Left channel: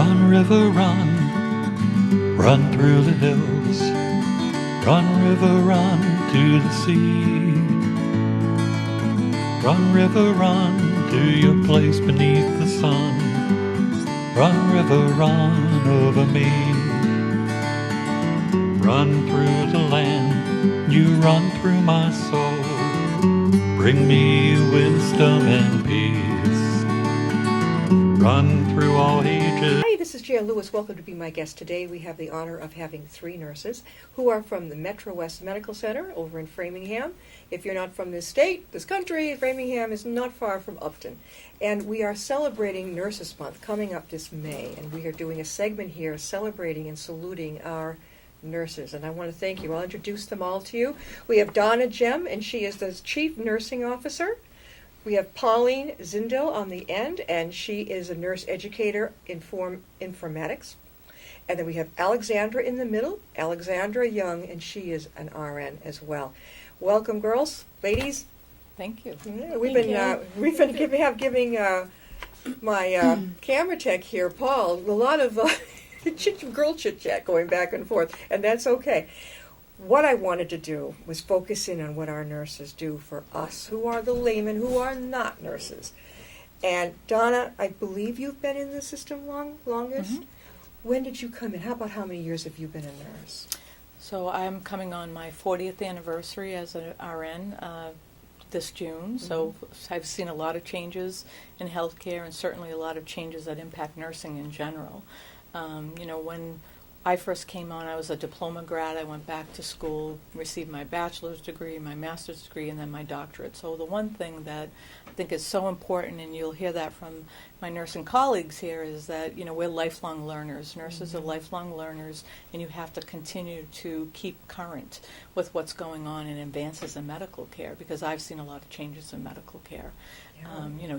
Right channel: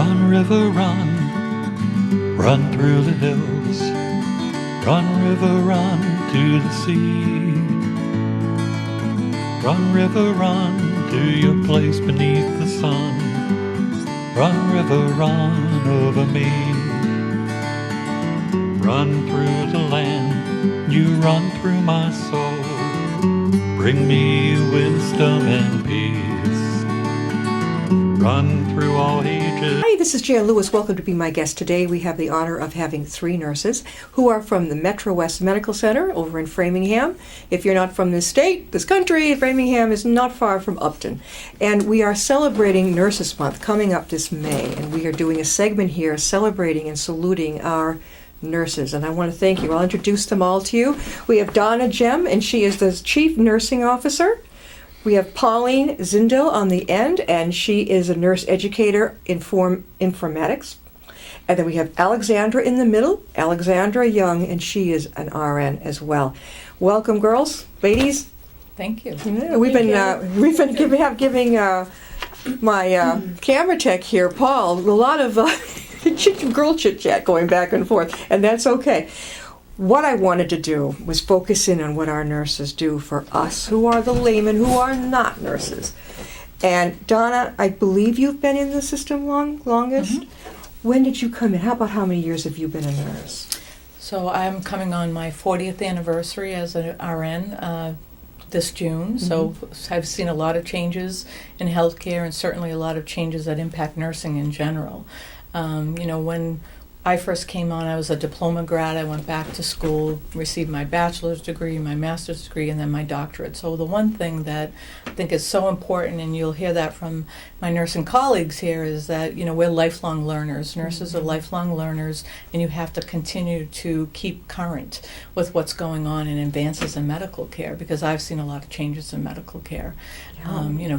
Run, river, run, run through the hills. Run, river, run to the sea. Run, river, run to your place beneath the sun. Run, river, run over me. Run through the land, you run through my soul. Bring me wisdom and peace. Run through all ages. Hi, this is Jan Lewis. Welcome to be my guest today. We have the honor of having three nurses who are from the Metro West Medical Center over in Framingham. If you're not from this state, this country, Framingham is not far from Upton. And we are celebrating Nurses Month coming up this May. And we are doing a segment here celebrating and saluting our nurses, and I want to thank you. I'll introduce them all to you. We have Donna Gem, and she is the Chief Nursing Officer. We have Pauline Zindel on the end, and she is a nurse educator in informatics. And then we have Alexandra in the middle, Alexandra Young, and she is an RN as well. Welcome, girls, ladies. Thank you. Yeah, we've been giving my camera tech here, Paul, a lot of girl chit chat going back and forth, and that's okay. What I wanted to do was focus in on what our nurses do for us, who are the laymen, who are not nurses. And Donna, I believe you've been in the system longest. Mm-hmm. When did you come in? How many years have you been a nurse? So I'm coming on my 40th anniversary as an RN this June. Mm-hmm. So I've seen a lot of changes in healthcare, and certainly a lot of changes that impact nursing in general. When I first came on, I was a diploma grad. I went back to school, received my bachelor's degree, my master's degree, and then my doctorate. So the one thing that I think is so important, and you'll hear that from my nursing colleagues here, is that, we're lifelong learners. Nurses are lifelong learners, and you have to continue to keep current with what's going on in advances in medical care, because I've seen a lot of changes in medical care.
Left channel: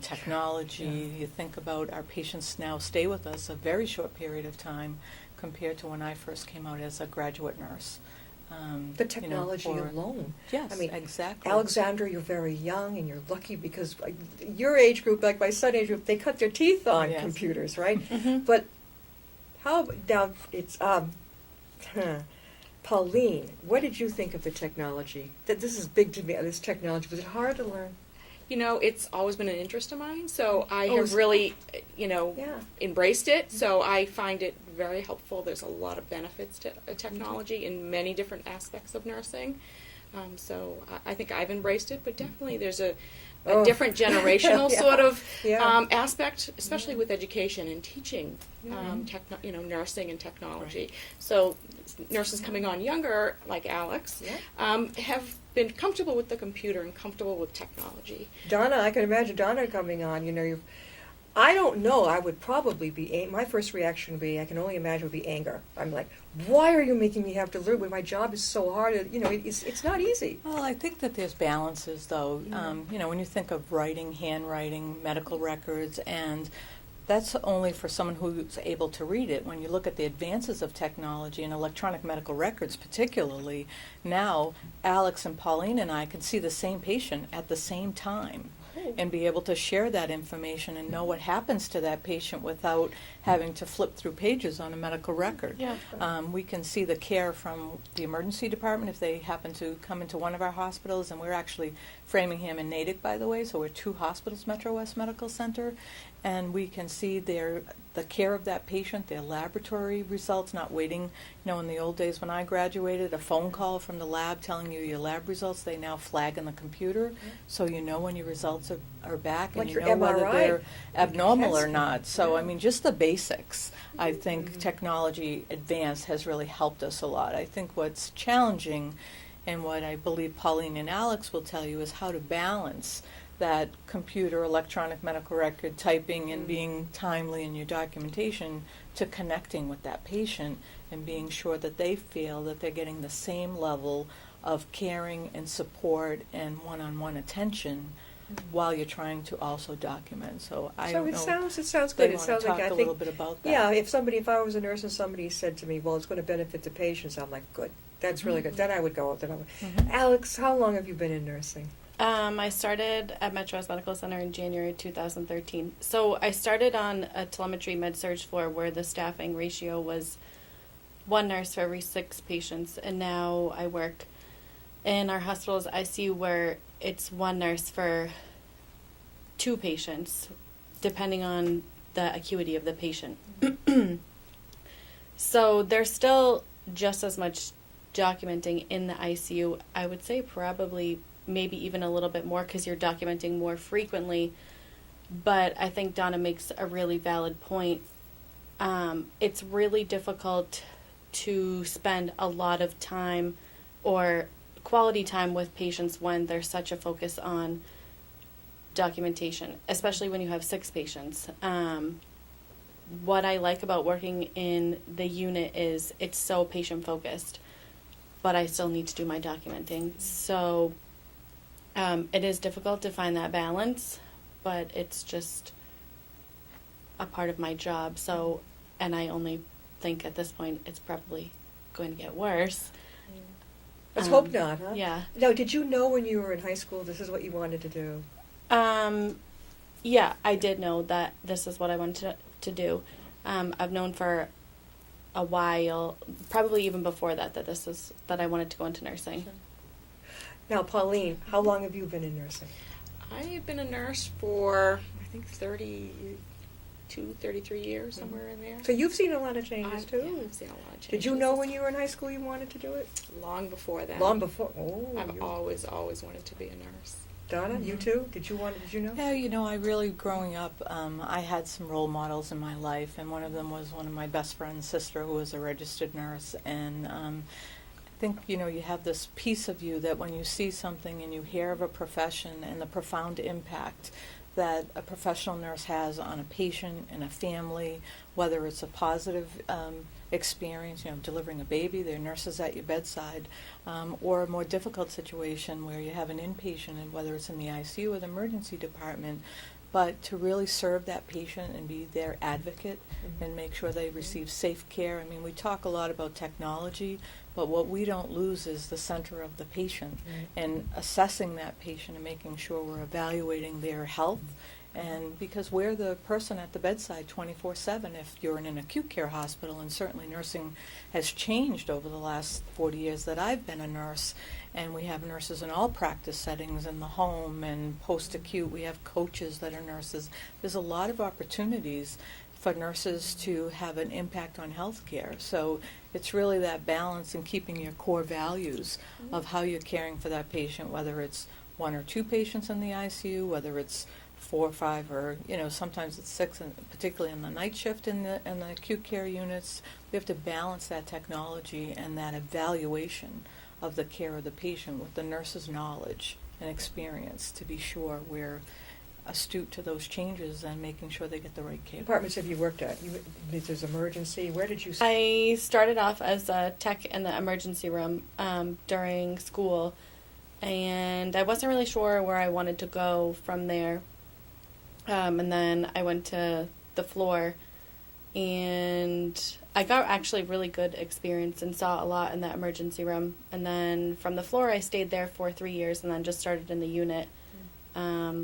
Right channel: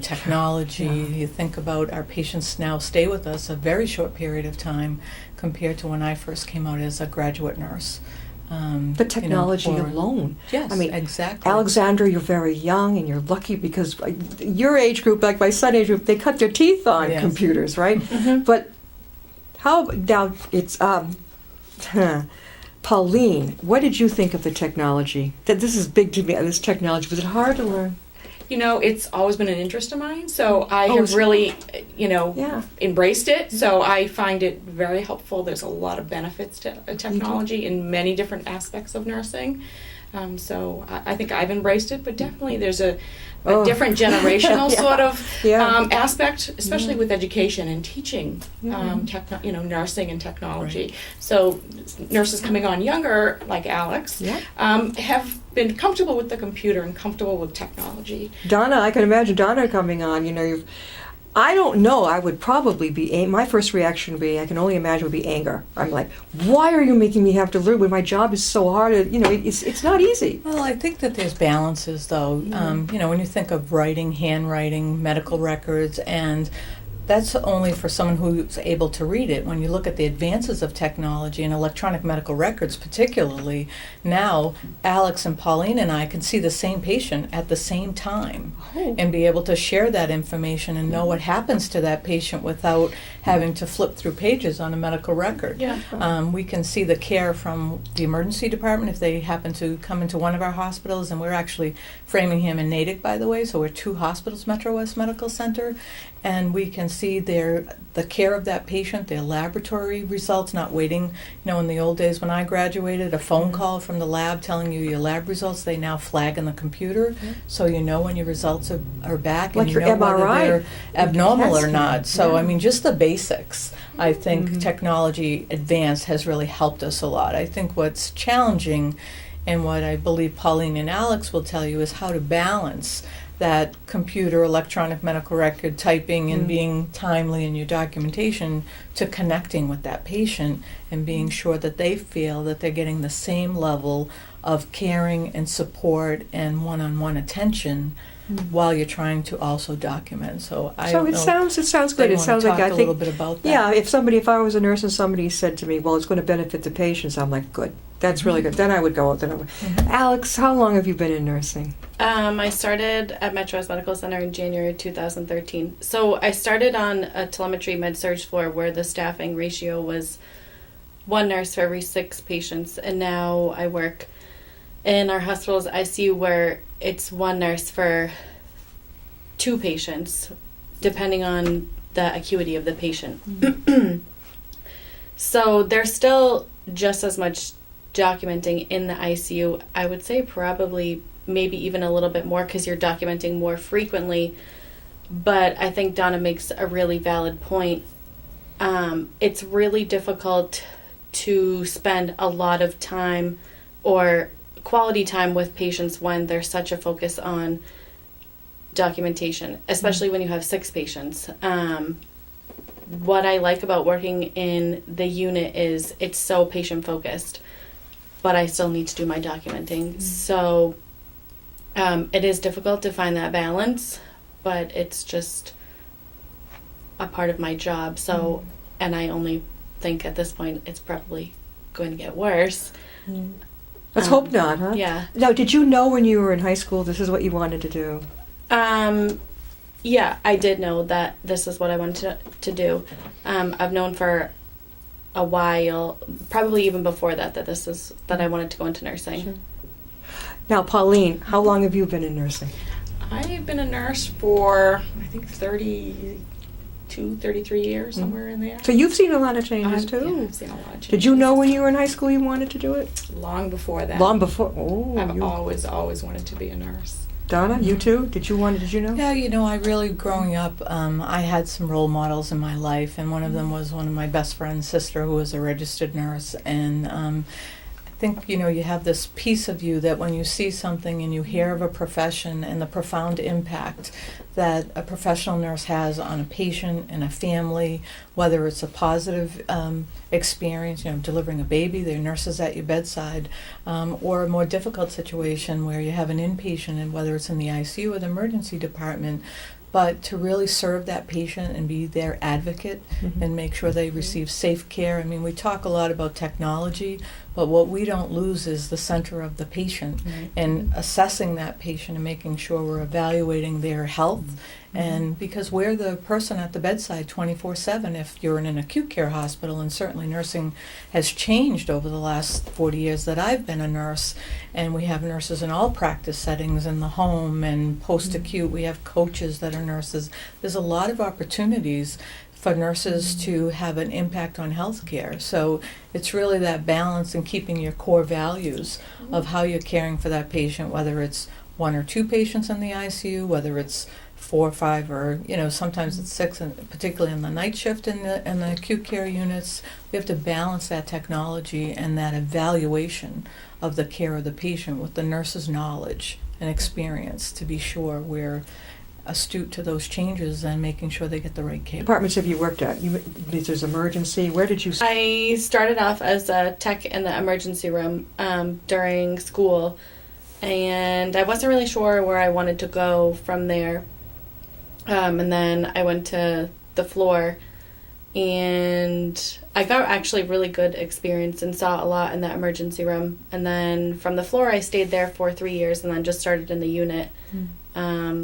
Technology, you think about our patients now stay with us a very short period of time compared to when I first came out as a graduate nurse. The technology alone. Yes, exactly. Alexandra, you're very young, and you're lucky because your age group, like my son age group, they cut their teeth on computers, right? Mm-hmm. But now it's Pauline, what did you think of the technology? That this is big to me, this technology. Was it hard to learn? It's always been an interest of mine, so I have really, embraced it. So I find it very helpful. There's a lot of benefits to technology in many different aspects of nursing. So I think I've embraced it, but definitely there's a different generational sort of aspect, especially with education and teaching, nursing and technology. Right. So nurses coming on younger, like Alex, have been comfortable with the computer and comfortable with technology. Donna, I can imagine Donna coming on. I don't know. I would probably be, my first reaction would be, I can only imagine, would be anger. I'm like, why are you making me have to learn when my job is so hard? It's not easy. Well, I think that there's balances, though. Mm-hmm. When you think of writing, handwriting, medical records, and that's only for someone who's able to read it. When you look at the advances of technology and electronic medical records particularly, now Alex and Pauline and I can see the same patient at the same time and be able to share that information and know what happens to that patient without having to flip through pages on a medical record. Yeah. We can see the care from the emergency department if they happen to come into one of our hospitals, and we're actually Framingham and Natick, by the way, so we're two hospitals, Metro West Medical Center, and we can see the care of that patient, their laboratory results, not waiting. In the old days when I graduated, a phone call from the lab telling you your lab results, they now flag in the computer, so when your results are back, like and your whether MRI. they're abnormal or not. So, just the basics. I think technology advanced has really helped us a lot. I think what's challenging, and what I believe Pauline and Alex will tell you, is how to balance that computer, electronic medical record typing and being timely in your documentation to connecting with that patient and being sure that they feel that they're getting the same level of caring and support and one-on-one attention while you're trying to also document. So it sounds good. It sounds like, I think, a little bit about that. Yeah, if I was a nurse and somebody said to me, well, it's going to benefit the patients, I'm like, good. That's really good. Then I would go. Alex, how long have you been in nursing? I started at Metro West Medical Center in January 2013. So I started on a telemetry med-surg floor where the staffing ratio was 1 nurse for every 6 patients, and now I work in our hospital's ICU where it's 1 nurse for 2 patients, depending on the acuity of the patient. So there's still just as much documenting in the ICU. I would say probably maybe even a little bit more because you're documenting more frequently. But I think Donna makes a really valid point. It's really difficult to spend a lot of time or quality time with patients when there's such a focus on documentation, especially when you have 6 patients. What I like about working in the unit is it's so patient focused, but I still need to do my documenting. So it is difficult to find that balance, but it's just a part of my job. So, and I only think at this point it's probably going to get worse. Let's hope not, huh? Yeah. Now, did you know when you were in high school this is what you wanted to do? Yeah, I did know that this is what I wanted to do. I've known for a while, probably even before that I wanted to go into nursing. Sure. Now, Pauline, how long have you been in nursing? I've been a nurse for, I think, 33 years, somewhere in there. So you've seen a lot of changes, too. Yeah, I've seen a lot of changes. Did you know when you were in high school you wanted to do it? Long before that. Long before? Oh, I've always wanted to be a nurse. Donna, you too? Did you know? Yeah, I really, growing up, I had some role models in my life, and one of them was one of my best friend's sister who was a registered nurse, and I think, you have this piece of you that when you see something and you hear of a profession and the profound impact that a professional nurse has on a patient and a family, whether it's a positive experience, delivering a baby, there are nurses at your bedside, or a more difficult situation where you have an inpatient, and whether it's in the ICU or the emergency department, but to really serve that patient and be their advocate and make sure they receive safe care. I mean, we talk a lot about technology, but what we don't lose is the center of the patient and assessing that patient and making sure we're evaluating their health. And because we're the person at the bedside 24/7 if you're in an acute care hospital, and certainly nursing has changed over the last 40 years that I've been a nurse, and we have nurses in all practice settings, in the home and post-acute. We have coaches that are nurses. There's a lot of opportunities for nurses to have an impact on healthcare. So it's really that balance and keeping your core values of how you're caring for that patient, whether it's 1 or 2 patients in the ICU, whether it's 4 or 5, or sometimes it's 6, and particularly in the night shift in the acute care units. We have to balance that technology and that evaluation of the care of the patient with the nurse's knowledge and experience to be sure we're astute to those changes and making sure they get the right care. Departments have you worked at? There's emergency. Where did you start? I started off as a tech in the emergency room during school, and I wasn't really sure where I wanted to go from there. And then I went to the floor, and I got actually really good experience and saw a lot in the emergency room. And then from the floor, I stayed there for 3 years, and then just started in the unit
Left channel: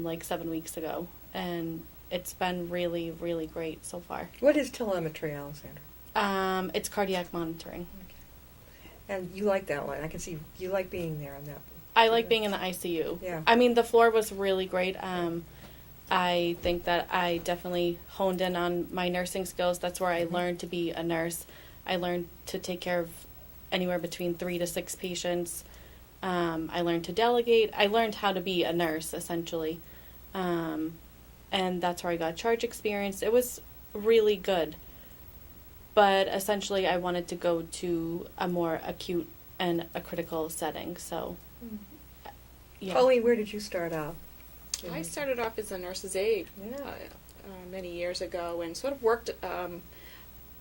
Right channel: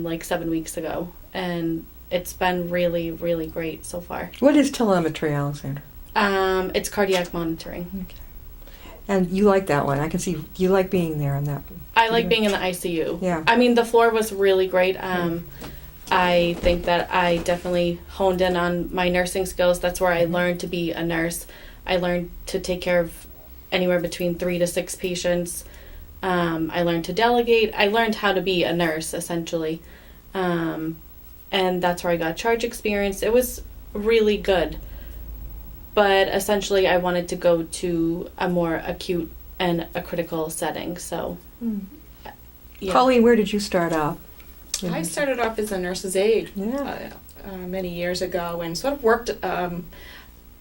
like 7 weeks ago. And it's been really, really great so far. What is telemetry, Alexandra? It's cardiac monitoring. Okay. And you like that one. I can see you like being there on that. I like being in the ICU. Yeah. I mean, the floor was really great. I think that I definitely honed in on my nursing skills. That's where I learned to be a nurse. I learned to take care of anywhere between 3 to 6 patients. I learned to delegate. I learned how to be a nurse, essentially. And that's where I got charge experience. It was really good. But essentially, I wanted to go to a more acute and a critical setting. So, yeah. Pauline, where did you start off? I started off as a nurse's aide many years ago, and sort of worked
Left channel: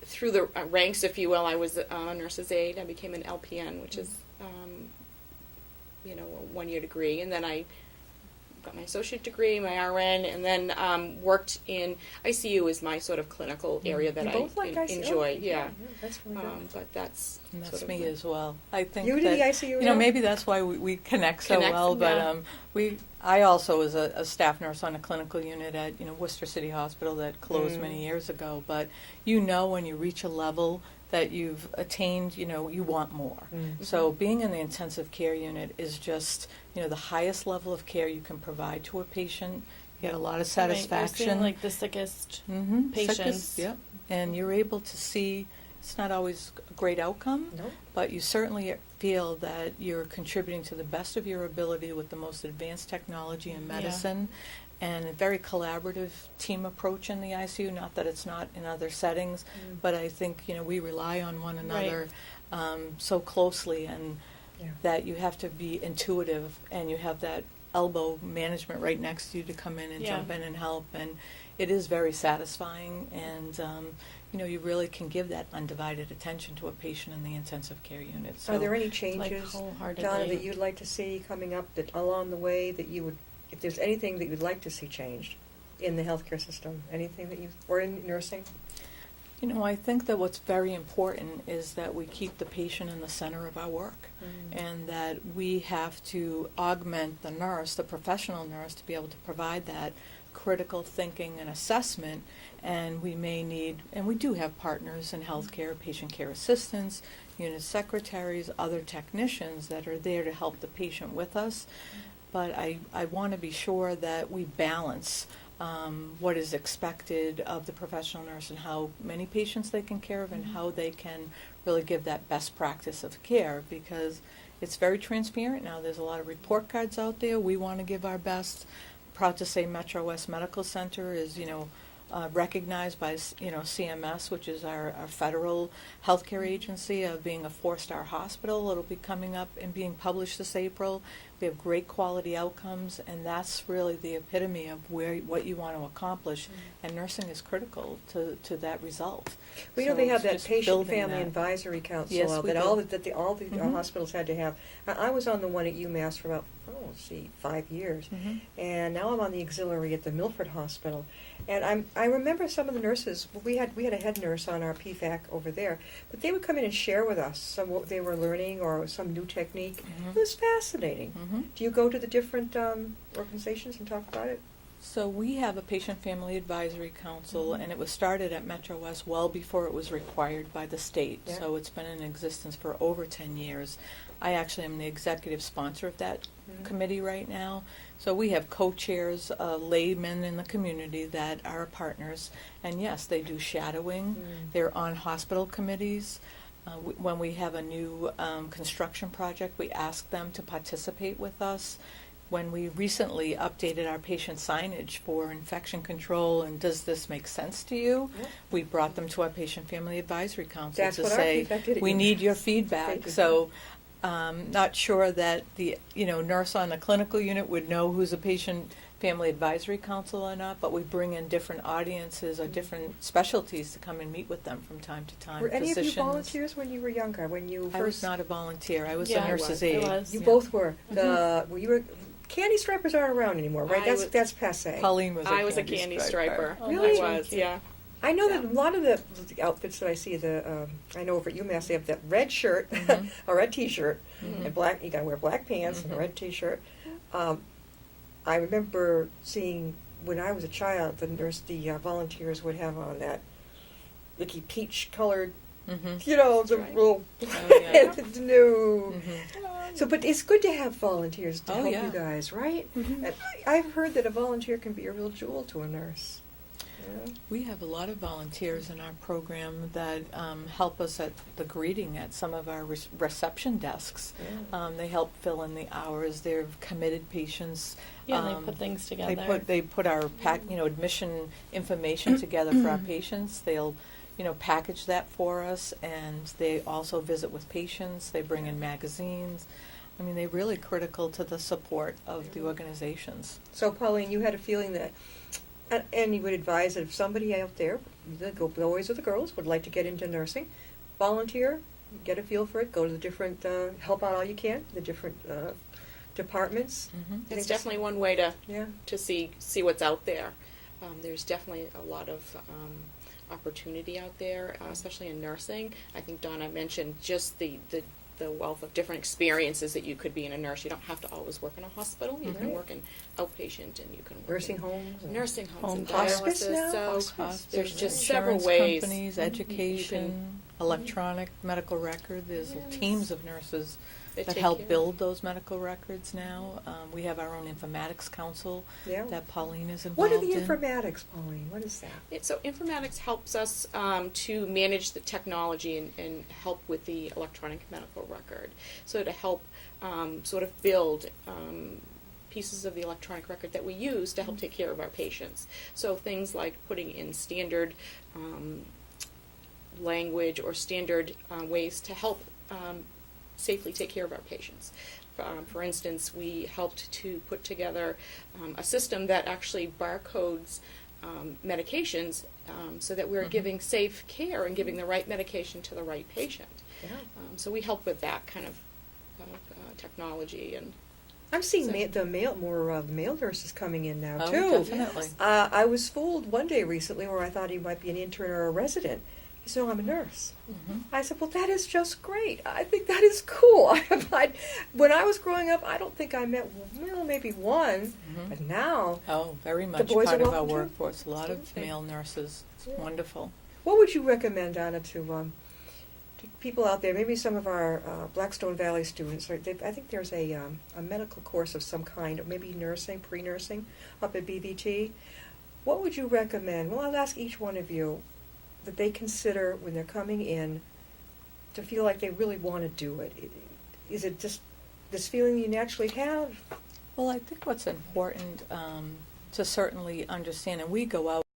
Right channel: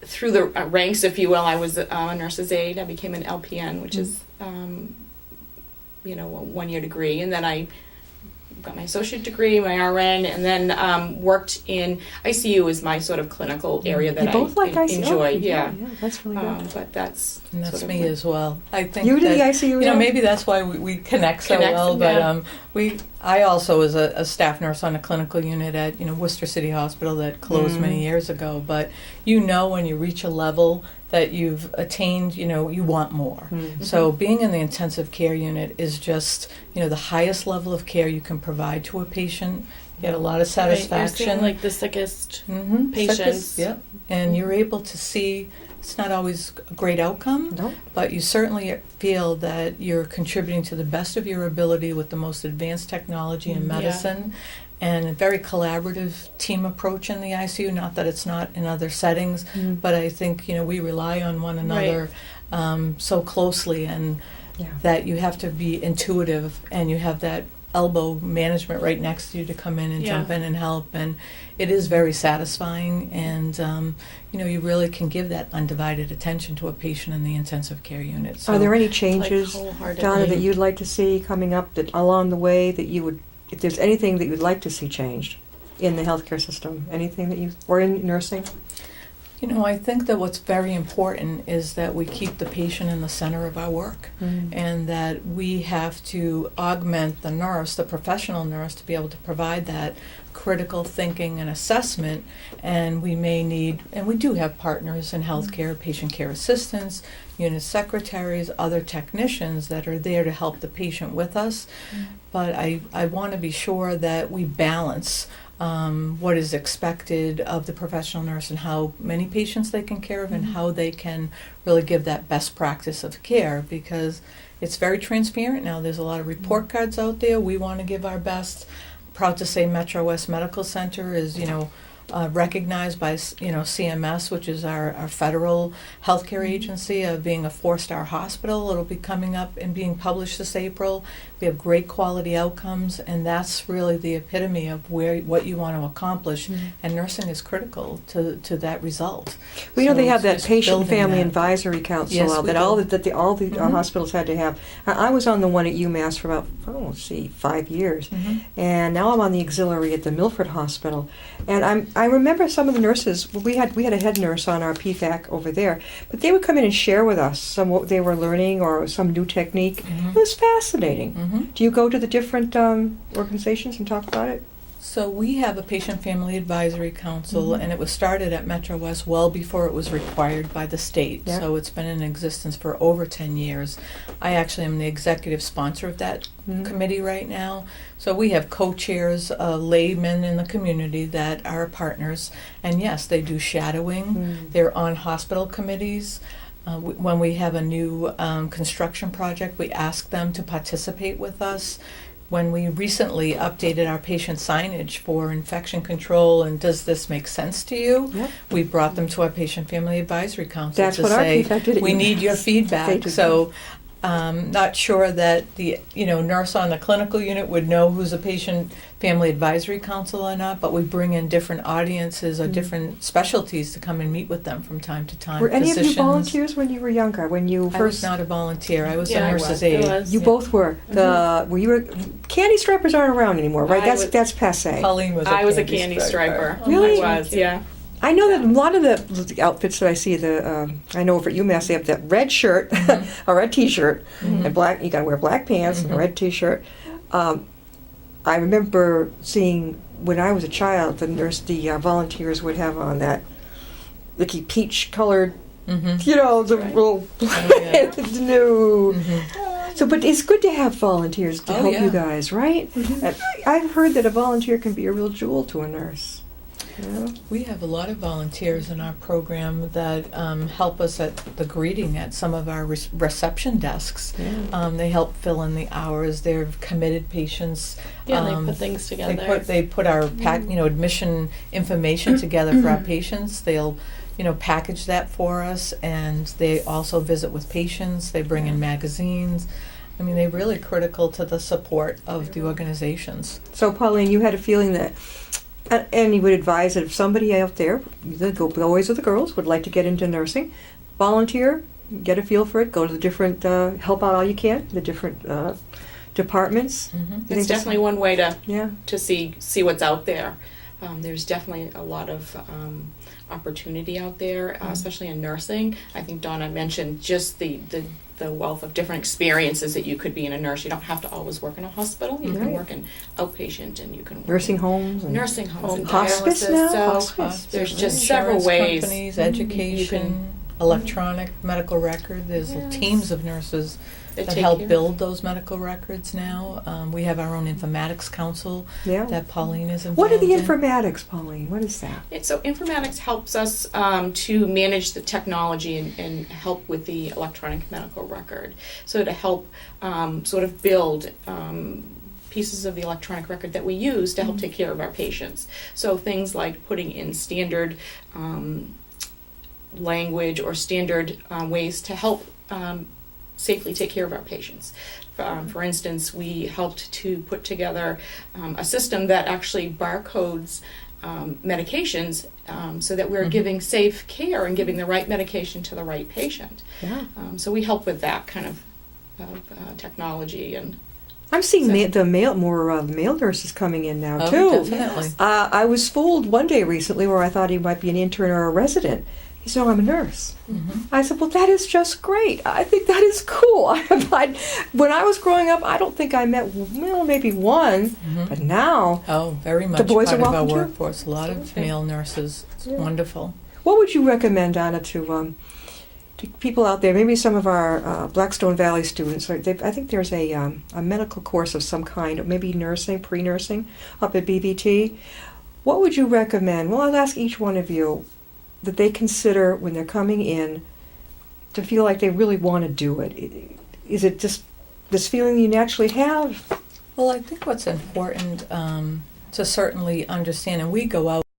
through the ranks, if you will. I was a nurse's aide. I became an LPN, which is, a 1-year degree, and then I got my associate degree, my RN, and then worked in ICU is my sort of clinical area that You both like ICU? enjoy. Oh, Yeah. that's really good. But that's And that's sort of me my- as well. I think You do that, the ICU, you know, yeah? maybe that's why we connect so Connect, well. yeah. But I also was a staff nurse on a clinical unit at Worcester City Hospital that closed many years ago. But when you reach a level that you've attained, you want more. So being in the intensive care unit is just the highest level of care you can provide to a patient. You get a lot of Right, you're satisfaction. seeing, like the sickest Sickest, patients. yep. And you're able to see. It's not always a great outcome, No. but you certainly feel that you're contributing to the best of your ability with the most advanced technology in Yeah. medicine and a very collaborative team approach in the ICU. Not that it's not in other settings, but I think we rely on one another so closely, and Yeah. that you have to be intuitive and you have that elbow management right next to you to come in and Yeah. jump in and help, and it is very satisfying, and you really can give that undivided attention to a patient in the intensive care unit. So Are there any Like changes, wholeheartedly. Donna, that you'd like to see coming up that along the way that you would, if there's anything that you'd like to see changed in the healthcare system, anything that or in nursing? I think that what's very important is that we keep the patient in the center of our work, and that we have to augment the nurse, the professional nurse, to be able to provide that critical thinking and assessment. And we may need, and we do have partners in healthcare, patient care assistants, unit secretaries, other technicians that are there to help the patient with us. But I want to be sure that we balance what is expected of the professional nurse and how many patients they can care of, and how they can really give that best practice of care, because it's very transparent now. There's a lot of report cards out there. We want to give our best. Proud to say Metro West Medical Center is recognized by CMS, which is our federal healthcare agency, of being a 4-star hospital. It'll be coming up and being published this April. We have great quality outcomes, and that's really the epitome of what you want to accomplish. And nursing is critical to that result. We know So they have it's that just patient building family that. advisory council Yes, out we that do. all the hospitals had to have. I was on the one at UMass for about 5 years, and now I'm on the auxiliary at the Milford Hospital. And I remember some of the nurses. We had a head nurse on our PFAC over there, but they would come in and share with us some what they were learning or some new technique. It was fascinating. Do you go to the different organizations and talk about it? So we have a patient family advisory council, and it was started at Metro West well before it was required by the state. Yeah. So it's been in existence for over 10 years. I actually am the executive sponsor of that committee right now. So we have co-chairs, laymen in the community that are partners, and yes, they do shadowing. They're on hospital committees. When we have a new construction project, we ask them to participate with us. When we recently updated our patient signage for infection control and does this make sense to you, Yep. we brought them to our patient family advisory council That's to what our say, PFAC did at we UMass. need your They feedback. did. So not sure that the nurse on the clinical unit would know who's a patient family advisory council or not, but we bring in different audiences or different specialties to come and meet with them from time to time. Were any of you Physicians. volunteers when you were younger? When you I was first? not a volunteer. I was Yeah, a I nurse's was. aide. It was, You yeah. both were. Were you? Candy stripers aren't around anymore, right? I was- That's passe. Colleen was a I was a candy candy striper. striper. Really? I was, yeah. I know that a lot of the outfits that I see, I know over at UMass they have that red shirt, a red T-shirt, and black. You got to wear black pants and a red T-shirt. I remember seeing when I was a child, the volunteers would have on that, icky peach-colored, the Right. little yeah. no. So, but it's good to have volunteers to Oh, help yeah. you guys, right? And I've heard that a volunteer can be a real jewel to a nurse. You know? We have a lot of volunteers in our program that help us at the greeting at some of our reception desks. Yeah. They help fill in the hours. They're committed patients. Yeah, they put things together. They put our admission information together for our patients. They'll package that for us, and they also visit with patients. They bring in magazines. I mean, they're really critical to the support of the organizations. So, Pauline, you had a feeling that, and you would advise that if somebody out there, the boys or the girls, would like to get into nursing, volunteer, get a feel for it, go to the different, help out all you can, the different departments. Mhm. You think It's that's- definitely one way Yeah. to see what's out there. There's definitely a lot of opportunity out there, especially in nursing. I think Donna mentioned just the wealth of different experiences that you could be in a nurse. You don't have to always work in a hospital. You can Right. work in outpatient, and you can work Nursing in homes. And nursing homes and Hospice dialysis. now? So Hospice. there's just Insurance several ways. companies, you education, can electronic medical record. There's Yes. teams of nurses that that take help care of- build those medical records now. We have our own informatics council Yeah. that Pauline is involved What are the in. informatics, Pauline? What is that? So informatics helps us to manage the technology and help with the electronic medical record. So to help sort of build pieces of the electronic record that we use to help take care of our patients. So things like putting in standard language or standard ways to help safely take care of our patients. For instance, we helped to put together a system that actually barcodes medications so that we're giving safe care and giving the right medication to the right patient. Yeah. So we help with that kind of technology. And I'm seeing So- more male nurses coming in now Oh, too. definitely. I was fooled one day recently where I thought he might be an intern or a resident. He said, "Oh, I'm a nurse." Mhm. I said, "Well, that is just great. I think that is cool." When I was growing up, I don't think I met, well, maybe one, Mhm. but now, Oh, very much boys part are of our welcome too? workforce. A lot of Absolutely. male nurses. It's Yeah. wonderful. what would you recommend, Donna, to people out there? Maybe some of our Blackstone Valley students. I think there's a medical course of some kind, or maybe nursing, pre-nursing, up at BVT. What would you recommend? Well, I'll ask each one of you that they consider when they're coming in to feel like they really want to do it. Is it just this feeling you naturally have? Well, I think what's important to certainly understand, and we go out